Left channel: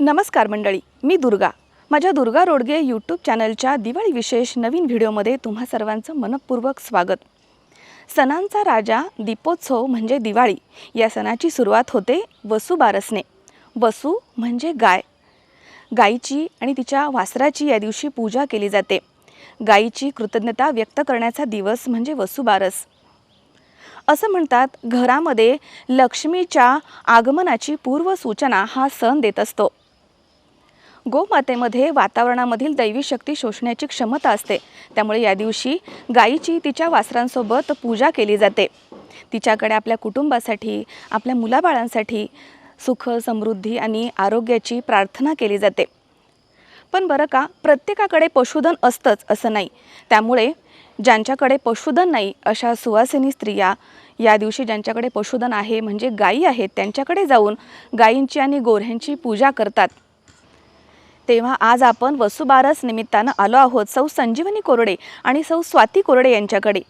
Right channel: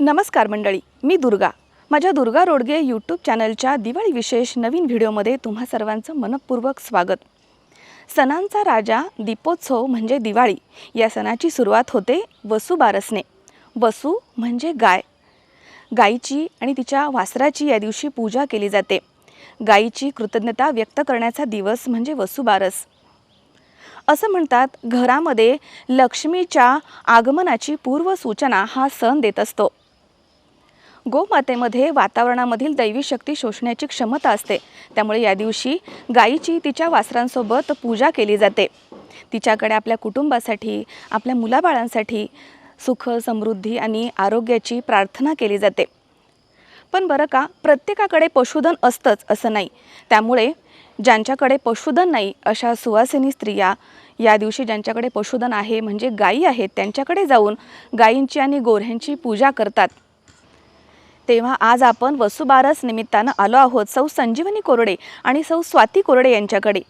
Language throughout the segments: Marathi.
नमस्कार मंडळी, मी दुर्गा. माझ्या दुर्गा रोडगे यूट्यूब चॅनलच्या दिवाळी विशेष नवीन व्हिडिओमध्ये तुम्हा सर्वांचं मनपूर्वक स्वागत. सणांचा राजा दीपोत्सव म्हणजे दिवाळी. या सणाची सुरुवात होते वसुबारसने. वसू म्हणजे गाय. गायीची आणि तिच्या वासराची या दिवशी पूजा केली जाते. गायीची कृतज्ञता व्यक्त करण्याचा दिवस म्हणजे वसुबारस. असं म्हणतात, घरामध्ये लक्ष्मीच्या आगमनाची पूर्वसूचना हा सण देत असतो. गोमातेमध्ये वातावरणामधील दैवी शक्ती शोषण्याची क्षमता असते. त्यामुळे या दिवशी गायीची तिच्या वासरांसोबत पूजा केली जाते. तिच्याकडे आपल्या कुटुंबासाठी, आपल्या मुलाबाळांसाठी सुख, समृद्धी आणि आरोग्याची प्रार्थना केली जाते. पण बरं का, प्रत्येकाकडे पशुधन असतंच असं नाही. त्यामुळे ज्यांच्याकडे पशुधन नाही अशा सुवासिनी स्त्रिया या दिवशी ज्यांच्याकडे पशुधन आहे म्हणजे गायी आहेत त्यांच्याकडे जाऊन गायींची आणि गोऱ्ह्यांची पूजा करतात. तेव्हा आज आपण वसुबारस निमित्तानं आलो आहोत सौ संजीवनी कोरडे आणि सौ स्वाती कोरडे यांच्याकडे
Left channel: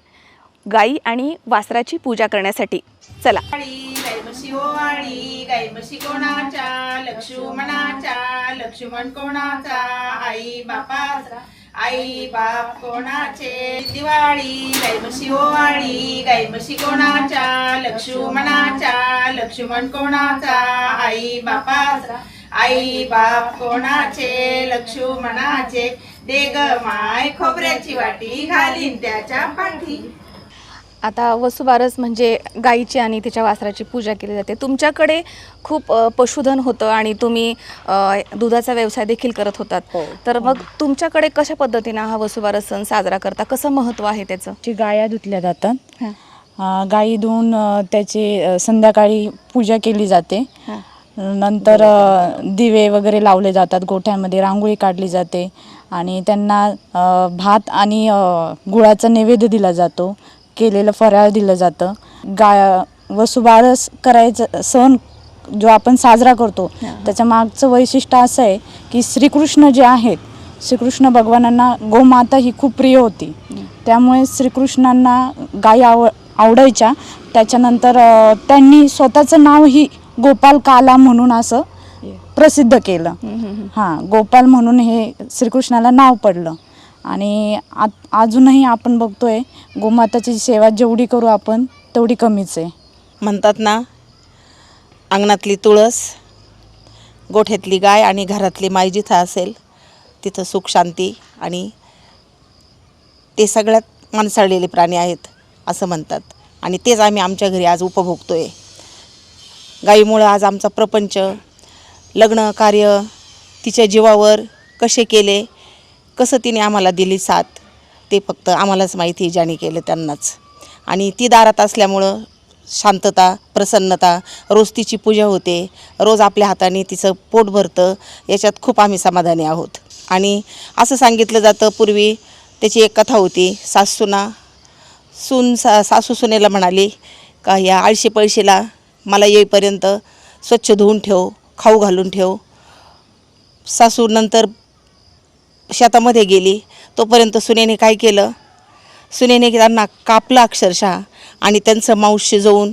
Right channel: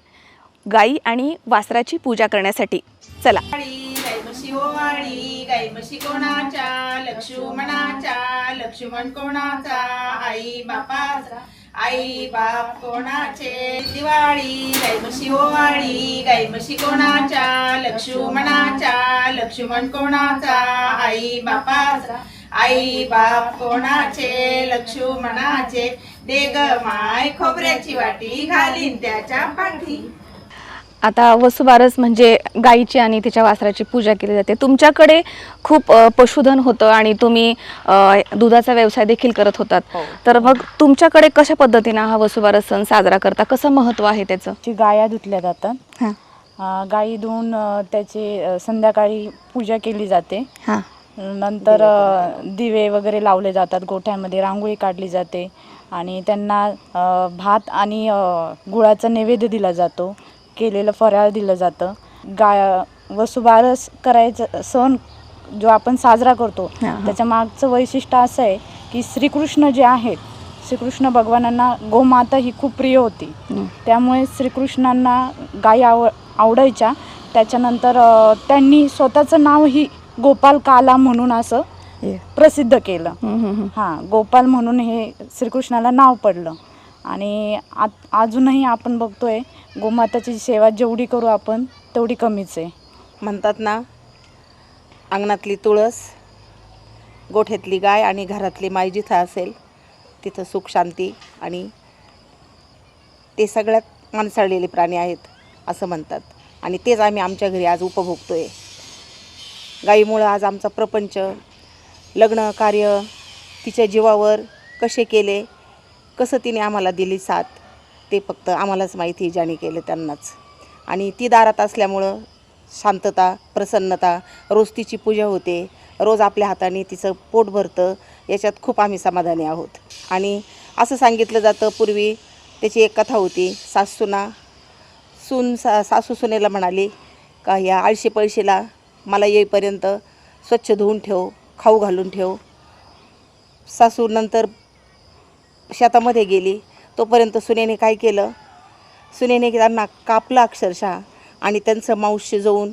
गायी आणि वासराची पूजा करण्यासाठी. चला. गाई म्हशी ओवाळी, गाई म्हशी कोणाच्या, लक्ष्मणाच्या, लक्ष्मण कोणाचा, आई बापाचा, आई बाप कोणाचे. दिवाळी गाई म्हशी ओवाळी, गाई म्हशी कोणाच्या, लक्ष्मणाच्या, लक्ष्मण कोणाचा, आई बापाचा, आई बाप कोणाचे, लक्ष्मणाचे. देग माय खोबऱ्याची वाटी, घालीन त्याच्या पाठी. आता वसुबारस म्हणजे गायीची आणि तिच्या वासराची पूजा केली जाते. तुमच्याकडे खूप पशुधन होतं आणि तुम्ही दुधाचा व्यवसाय देखील करत होतात. तर मग तुमच्याकडे कशा पद्धतीने हा वसुबारस सण साजरा करता, कसं महत्त्व आहे त्याचं? ची गाया धुतल्या जातात. गायी धुवून त्याची संध्याकाळी पूजा केली जाते. हां. नंतर दिवे वगैरे लावले जातात, गोठ्यामध्ये रांगोळी काढली जाते आणि त्यांना भात आणि गुळाचा नैवेद्य दिला जातो, केलेलं फराळ दिलं जातं. वसुबारस करायचं सण जो आपण साजरा करतो त्याच्या मागचं वैशिष्ट्य असं आहे की श्रीकृष्ण जे आहेत, श्रीकृष्ण भगवानांना गोमाता ही खूप प्रिय होती. त्यामुळे श्रीकृष्णांना गायी आवडायच्या. त्याच्यानंतर त्यांनी स्वतःचं नाव ही गोपाल काला म्हणून असं प्रसिद्ध केलं. गोपाल म्हणून हे श्रीकृष्णाला नाव पडलं. आणि अजूनही आपण बघतोय गोमाताची सेवा जेवढी करू आपण तेवढी कमीच आहे. म्हणतात ना, अंगणातली तुळस, गोठ्यातली गाय आणि घरातली माय जिथं असेल तिथं सुख, शांती आणि ते सगळ्यात माणसाळलेले प्राणी आहेत असं म्हणतात. आणि तेच आम्ही आमच्या घरी आज उपभोगतोय. गायीमुळं आज आमचा प्रपंच, लग्न कार्य तिच्या जीवावर कसे केले, कसं तिने आम्हाला दिली साथ, ते फक्त आम्हालाच माहिती. ज्याने केलं त्यांनाच. आणि ती दारात असल्यामुळं शांतता, प्रसन्नता, रोज तिची पूजा होते, रोज आपल्या हाताने तिचं पोट भरतं, याच्यात खूप आम्ही समाधानी आहोत. आणि असं सांगितलं जातं, पूर्वी त्याची एक कथा होती. सासू सुनेला म्हणाली का या आळशी पळशीला मला येईपर्यंत स्वच्छ धुवून ठेव, खाऊ घालून ठेव. सासू नंतर शेतामध्ये गेली, तोपर्यंत सुनेने काय केलं, सुनेने त्यांना कापलं अक्षरशः आणि त्यांचं मांस शिजवून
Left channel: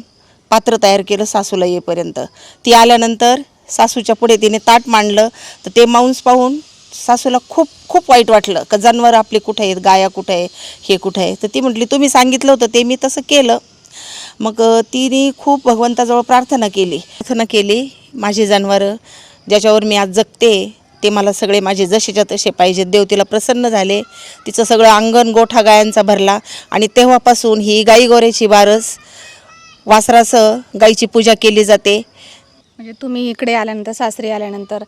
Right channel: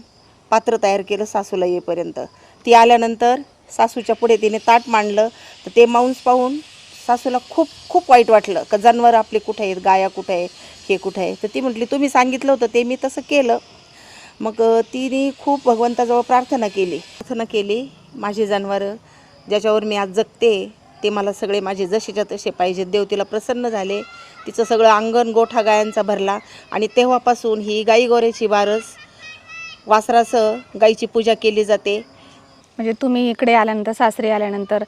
पात्र तयार केलं सासूला येईपर्यंत. ती आल्यानंतर सासूच्या पुढे तिने ताट मांडलं, तर ते मांस पाहून सासूला खूप खूप वाईट वाटलं का जनावर आपले कुठे आहेत, गाया कुठे आहे, हे कुठे आहे. तर ती म्हटली तुम्ही सांगितलं होतं ते मी तसं केलं. मग तिने खूप भगवंताजवळ प्रार्थना केली, माझे जनावरं ज्याच्यावर मी आज जगते ते मला सगळे माझे जसेच्या तसे पाहिजेत. देव तिला प्रसन्न झाले, तिचं सगळं अंगण गोठा गायांचा भरला. आणि तेव्हापासून ही गाई गोऱ्याची बारस, वासरासह गाईची पूजा केली जाते. म्हणजे तुम्ही इकडे आल्यानंतर, सासरी आल्यानंतर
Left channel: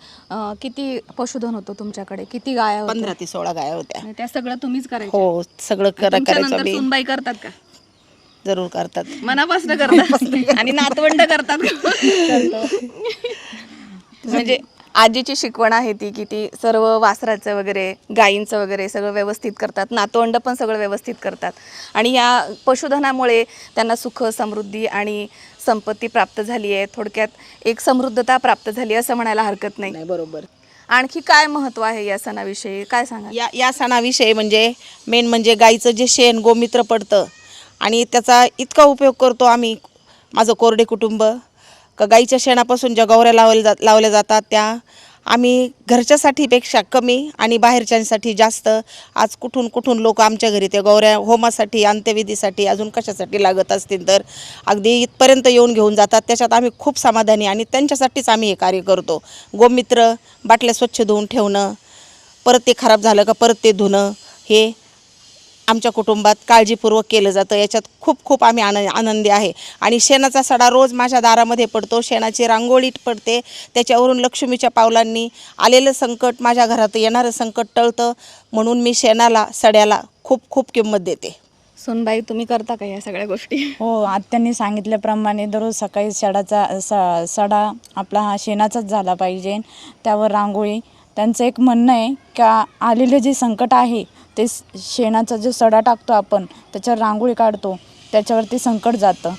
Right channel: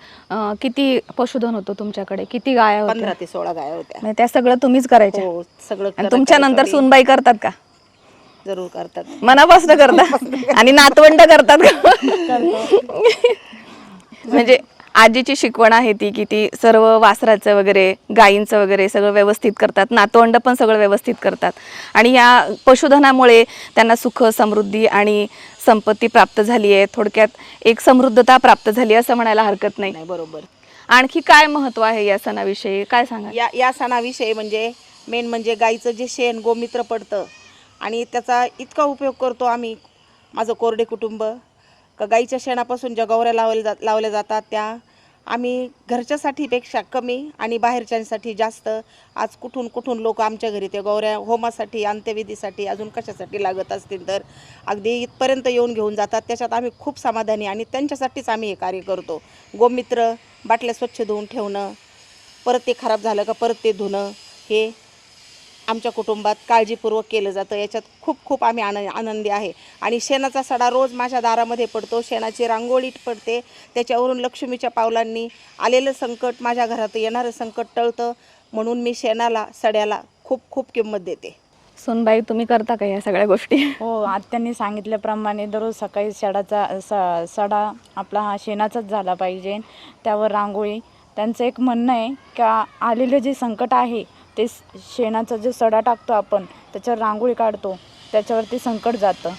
किती पशुधन होतं तुमच्याकडे? किती गाया होत्या? 15 ते 16 गाया होत्या. म्हणजे त्या सगळं तुम्हीच करायच्या? हो, सगळं तुमच्या नंतर करायचं. सुनबाई करतात का? जरूर करतात, मनापासून करतात. आणि नातवंड करतात का? म्हणजे आजीची शिकवण आहे ती की ती सर्व वासराचं वगैरे, गायींचं वगैरे सगळं व्यवस्थित करतात. नातवंड पण सगळं व्यवस्थित करतात. आणि या पशुधनामुळे त्यांना सुख, समृद्धी आणि संपत्ती प्राप्त झाली आहे. थोडक्यात एक समृद्धता प्राप्त झाली असं म्हणायला हरकत नाही. बरोबर. आणखी काय महत्त्व आहे या सणाविषयी, काय सांगा? या सणाविषयी म्हणजे मेन म्हणजे गाईचं जे शेण, गोमित्र पडतं आणि त्याचा इतका उपयोग करतो आम्ही, माझं कोरडे कुटुंब, का गाईच्या शेणापासून ज्या गौऱ्या लावल्या जातात त्या आम्ही घरच्यासाठीपेक्षा कमी आणि बाहेरच्यांसाठी जास्त. आज कुठून कुठून लोक आमच्या घरी ते गौऱ्या होमासाठी, अंत्यविधीसाठी, अजून कशासाठी लागत असतील तर अगदी इथपर्यंत येऊन घेऊन जातात. त्याच्यात आम्ही खूप समाधानी आणि त्यांच्यासाठीच आम्ही हे कार्य करतो. गोमित्र, बाटल्या स्वच्छ धुवून ठेवणं, परत ते खराब झालं का परत ते धुणं, हे आमच्या कुटुंबात काळजीपूर्वक केलं जातं. याच्यात खूप खूप आम्ही आनंदी आहे. आणि शेणाचा सडा रोज माझ्या दारामध्ये पडतो. शेणाची रांगोळी पडते. त्याच्यावरून लक्ष्मीच्या पावलांनी आलेलं संकट, माझ्या घरात येणारं संकट टळतं. म्हणून मी शेणाला, सड्याला खूप खूप किंमत देते. सोनबाई, तुम्ही करता का या सगळ्या गोष्टी? हो, आत्यांनी सांगितल्याप्रमाणे दररोज सकाळी सडा आपला हा शेणाचाच झाला पाहिजे, त्यावर रांगोळी. त्यांचं एक म्हणणं आहे का आलेले जे संकट आहे ते शेणाचा जो सडा टाकतो आपण, त्याच्यावर रांगोळी काढतो, त्याच्यावरती संकट जातं.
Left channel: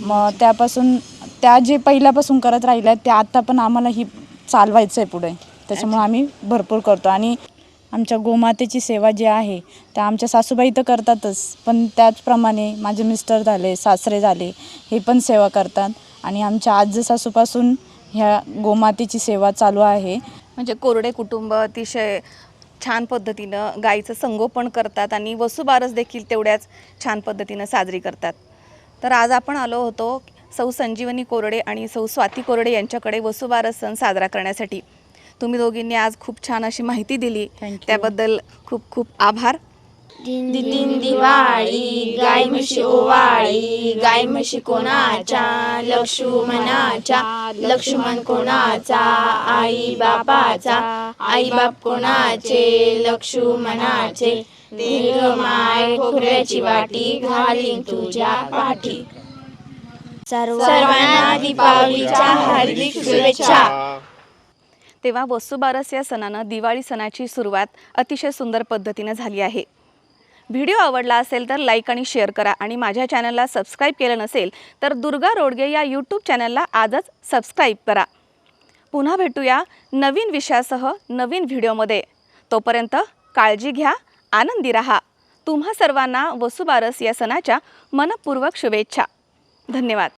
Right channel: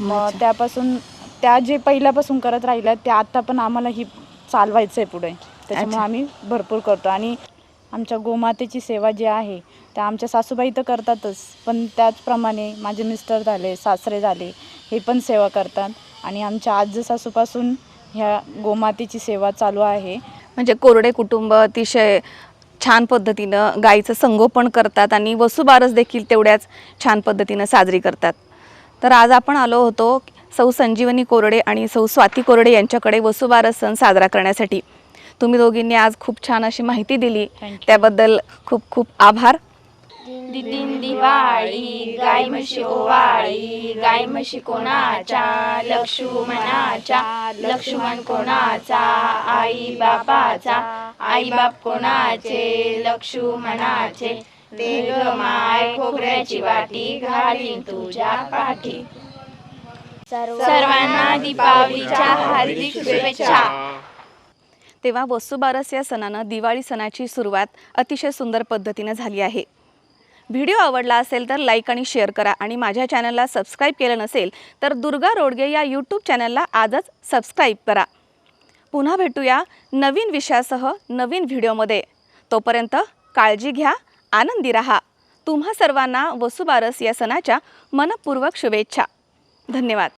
मग त्यापासून त्या जे पहिल्यापासून करत राहिल्या ते आत्ता पण आम्हाला ही चालवायचं आहे पुढे. त्याच्यामुळे आम्ही भरपूर करतो. आणि आमच्या गोमातेची सेवा जी आहे त्या आमच्या सासूबाई तर करतातच, पण त्याचप्रमाणे माझे मिस्टर झाले, सासरे झाले, हे पण सेवा करतात. आणि आमच्या आजसासूपासून ह्या गोमातेची सेवा चालू आहे. म्हणजे कोरडे कुटुंब अतिशय छान पद्धतीनं गाईचं संगोपन करतात आणि वसुबारस देखील तेवढ्याच छान पद्धतीनं साजरी करतात. तर आज आपण आलो होतो सौ संजीवनी कोरडे आणि सौ स्वाती कोरडे यांच्याकडे वसुबारस सण साजरा करण्यासाठी. तुम्ही दोघींनी आज खूप छान अशी माहिती दिली, त्याबद्दल खूप खूप आभार. दिन दिवाळी, गाय म्हशी ओवाळी, गाय म्हशी कोणाच्या, लक्ष्मणाच्या, लक्ष्मण कोणाचा, आई बापाचा, आई बाप कोणाचे, लक्ष्मणाचे, ग माय खोबऱ्याची वाटी घालीन तुझ्या पाठी. सर्वांना दीपावलीच्या हार्दिक शुभेच्छा. तेव्हा वसुबारस या सणानं दिवाळी सणाची सुरुवात अतिशय सुंदर पद्धतीनं झाली आहे. व्हिडिओ आवडला असेल तर लाईक आणि शेअर करा आणि माझ्या चॅनलला सबस्क्राईब केलं नसेल तर दुर्गा रोडगे या यूट्यूब चॅनलला आजच सबस्क्राईब करा. पुन्हा भेटूया नवीन विषयासह नवीन व्हिडिओमध्ये. तोपर्यंत काळजी घ्या, आनंदी रहा. तुम्हा सर्वांना वसुबारस या सणाच्या मनपूर्वक शुभेच्छा. धन्यवाद.